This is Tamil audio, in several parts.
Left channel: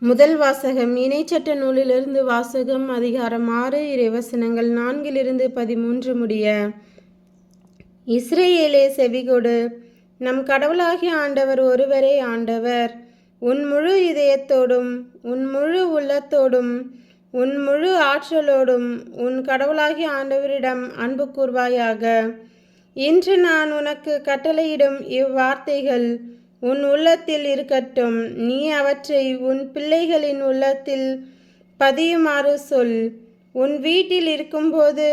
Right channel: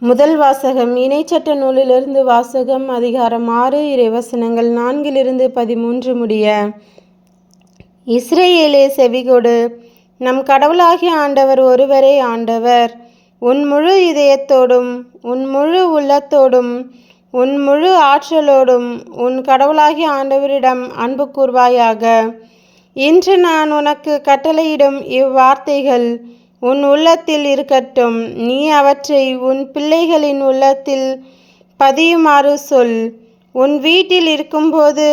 முதல் வாசகம் இணைச்சட்ட நூலிலிருந்து வாசகம் அதிகாரம் ஆறு இறைவசனங்கள் நான்கிலிருந்து பதிமூன்று முடிய. இஸ்ரேலே செவிகொடு. நம் கடவுளாகிய ஆண்டவர் ஒருவரே ஆண்டவர். உன் முழு இதயத்தோடும் உன் முழு உள்ளத்தோடும் உன் முழு ஆற்றலோடும் உன் கடவுளாகிய ஆண்டவரிடம் அன்பு கூர்வாயாக. இன்று நான் உனக்கு கட்டளையிடும் இவ்வார்த்தைகள் உன் உள்ளத்தில் இருக்கட்டும். நீ அவற்றை உன் பிள்ளைகளின் உள்ளத்தில் பதியுமாறு சொல். உன் வீட்டில் இருக்கும்போது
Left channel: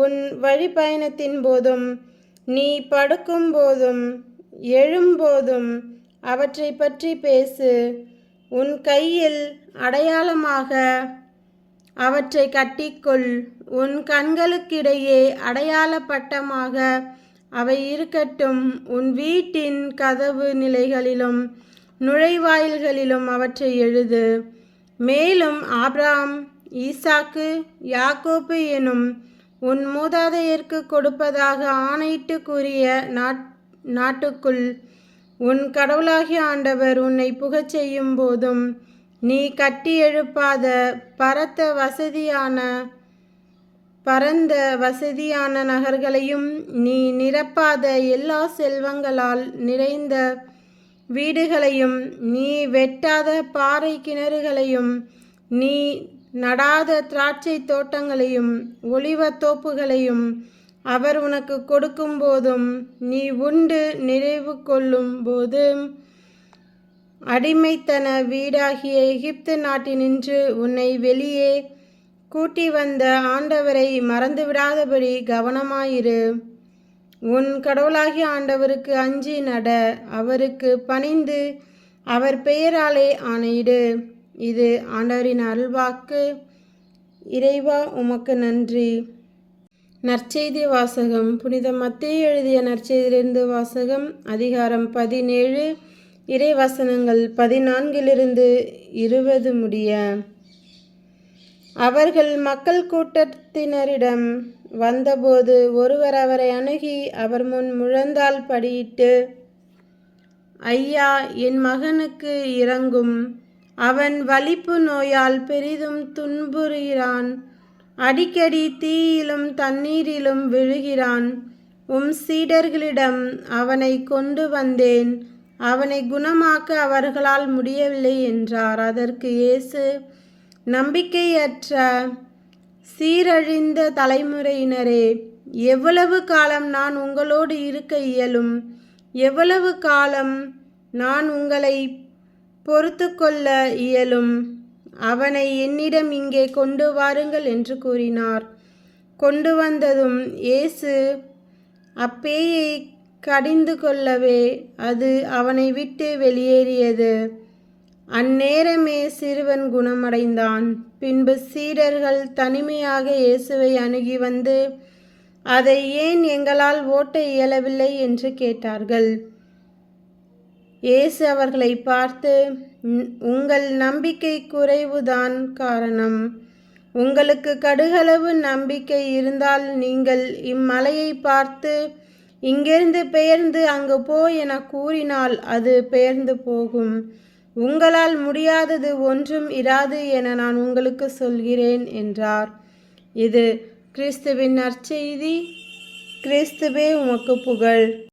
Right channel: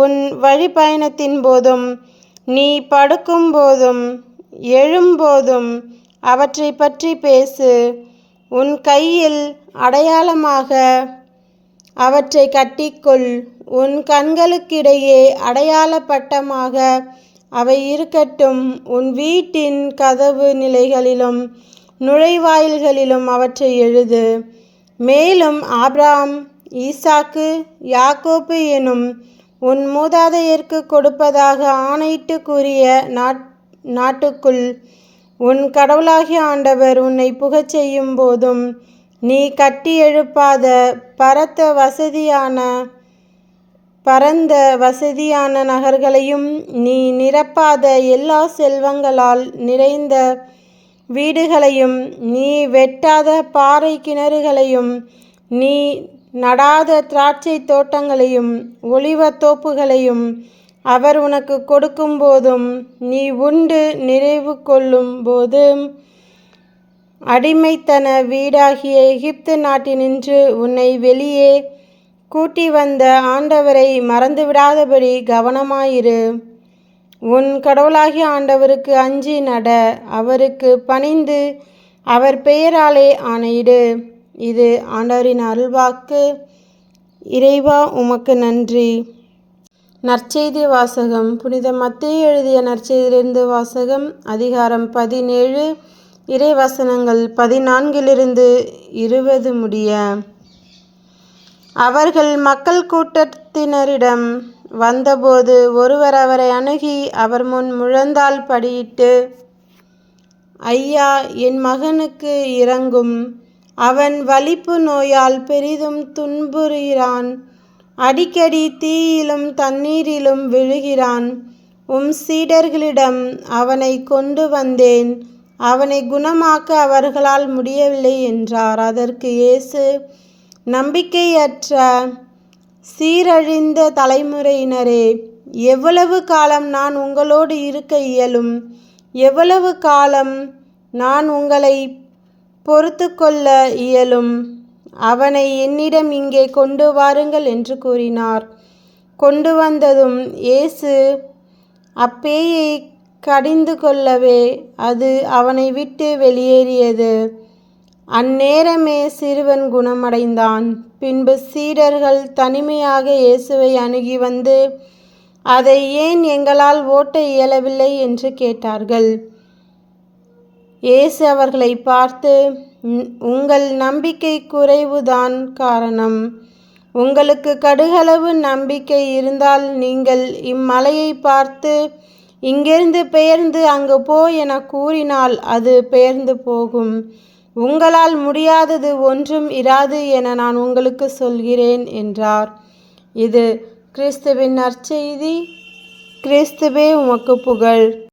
உன் வழிபயணத்தின் போதும் நீ படுக்கும் போதும் எழும்போதும் அவற்றை பற்றி பேசு. உன் கையில் அடையாளமாக அவற்றை கட்டிக்கொள். உன் கண்களுக்கிடையே அடையாள பட்டமாக அவை இருக்கட்டும். உன் வீட்டின் கதவு நிலைகளிலும் நுழைவாயில்களிலும் அவற்றை எழுது. மேலும் ஆப்ராம் ஈசாக்கு யாக்கோப்பு எனும் உன் மூதாதையர்க்கு கொடுப்பதாக ஆணையிட்டு கூறிய நாட் நாட்டுக்குள் உன் கடவுளாகிய ஆண்டவர் உன்னை புகச் செய்யும் போதும் நீ கட்டி எழுப்பாத பரத்த வசதியான பரந்த வசதியான நகர்களையும் நீ நிரப்பாத எல்லா செல்வங்களால் நிறைந்த வீடுகளையும் நீ வெட்டாத பாறை கிணறுகளையும் நீ நடாத திராட்சை தோட்டங்களையும் ஒளிவத்தோப்புகளையும் அவர் உனக்கு கொடுக்கும் போதும் நீ உண்டு நிறைவு கொள்ளும் போதும் அடிமைத்தன வீடாகிய எகிப்து நாட்டினின்று உன்னை வெளியே கூட்டி வந்த ஆண்டவரை மறந்துவிடாதபடி கவனமாயிரு. உன் கடவுளாகிய ஆண்டவருக்கு அஞ்சி நட அவருக்கு பணிந்து அவர் பெயராலே ஆணையிடு. இது ஆண்டவரின் அருள்வாக்கு. இறைவா உமக்கு நன்றி. நற்செய்தி வாசகம். புனித மத்திய எழுதிய நற்செய்தியிலிருந்து வாசகம். அதிகாரம் பதினேழு. இறைவசனங்கள் பதினான்கிலிருந்து இருபது முடிய. அவர்கள் மக்கள் கூட்டத்தினரிடம் வந்தபோது ஒருவர் அவரை அணுகி அவர் முன் முழந்தால் படியிட்டு ஐயா என் மகனுக்கு இறங்கும். அவன் வலிப்பு நோயால் பெரிதும் துன்புறுகிறான். அடிக்கடி தீயிலும் தண்ணீரிலும் விழுகிறான். உம் சீடர்களிடம் அவனை கொண்டு வந்தேன். அவனை குணமாக்க அவர்களால் முடியவில்லை என்றார். அதற்கு இயேசு நம்பிக்கையற்ற சீரழிந்த தலைமுறையினரே எவ்வளவு காலம் நான் உங்களோடு இருக்க இயலும் எவ்வளவு காலம் நான் உங்களை பொறுத்து கொள்ள இயலும் அவனை என்னிடம் இங்கே கொண்டு வாருங்கள் என்று கூறினார். கொண்டு வந்ததும் இயேசு அப்பேயை கடிந்து கொள்ளவே அது அவனை விட்டு வெளியேறியது. அந்நேரமே சிறுவன் குணமடைந்தான். பின்பு சீடர்கள் தனிமையாக இயேசுவை அணுகி வந்து அதை ஏன் எங்களால் ஓட்ட இயலவில்லை? என்று கேட்டார்கள். இயேசு அவர்களை பார்த்து உங்கள் நம்பிக்கை குறைவுதான் காரணம். உங்களுக்கு கடுகளவு நம்பிக்கை இருந்தால் நீங்கள் இம்மலையை பார்த்து இங்கிருந்து பெயர்ந்து அங்கு போ என கூறினால் அது பெயர்ந்து போகும். உங்களால் முடியாதது ஒன்றும் இராது என நான் உங்களுக்கு சொல்கிறேன் என்றார். இது கிறிஸ்துவின் நற்செய்தி. கிறிஸ்துவே உமக்கு புகழ்.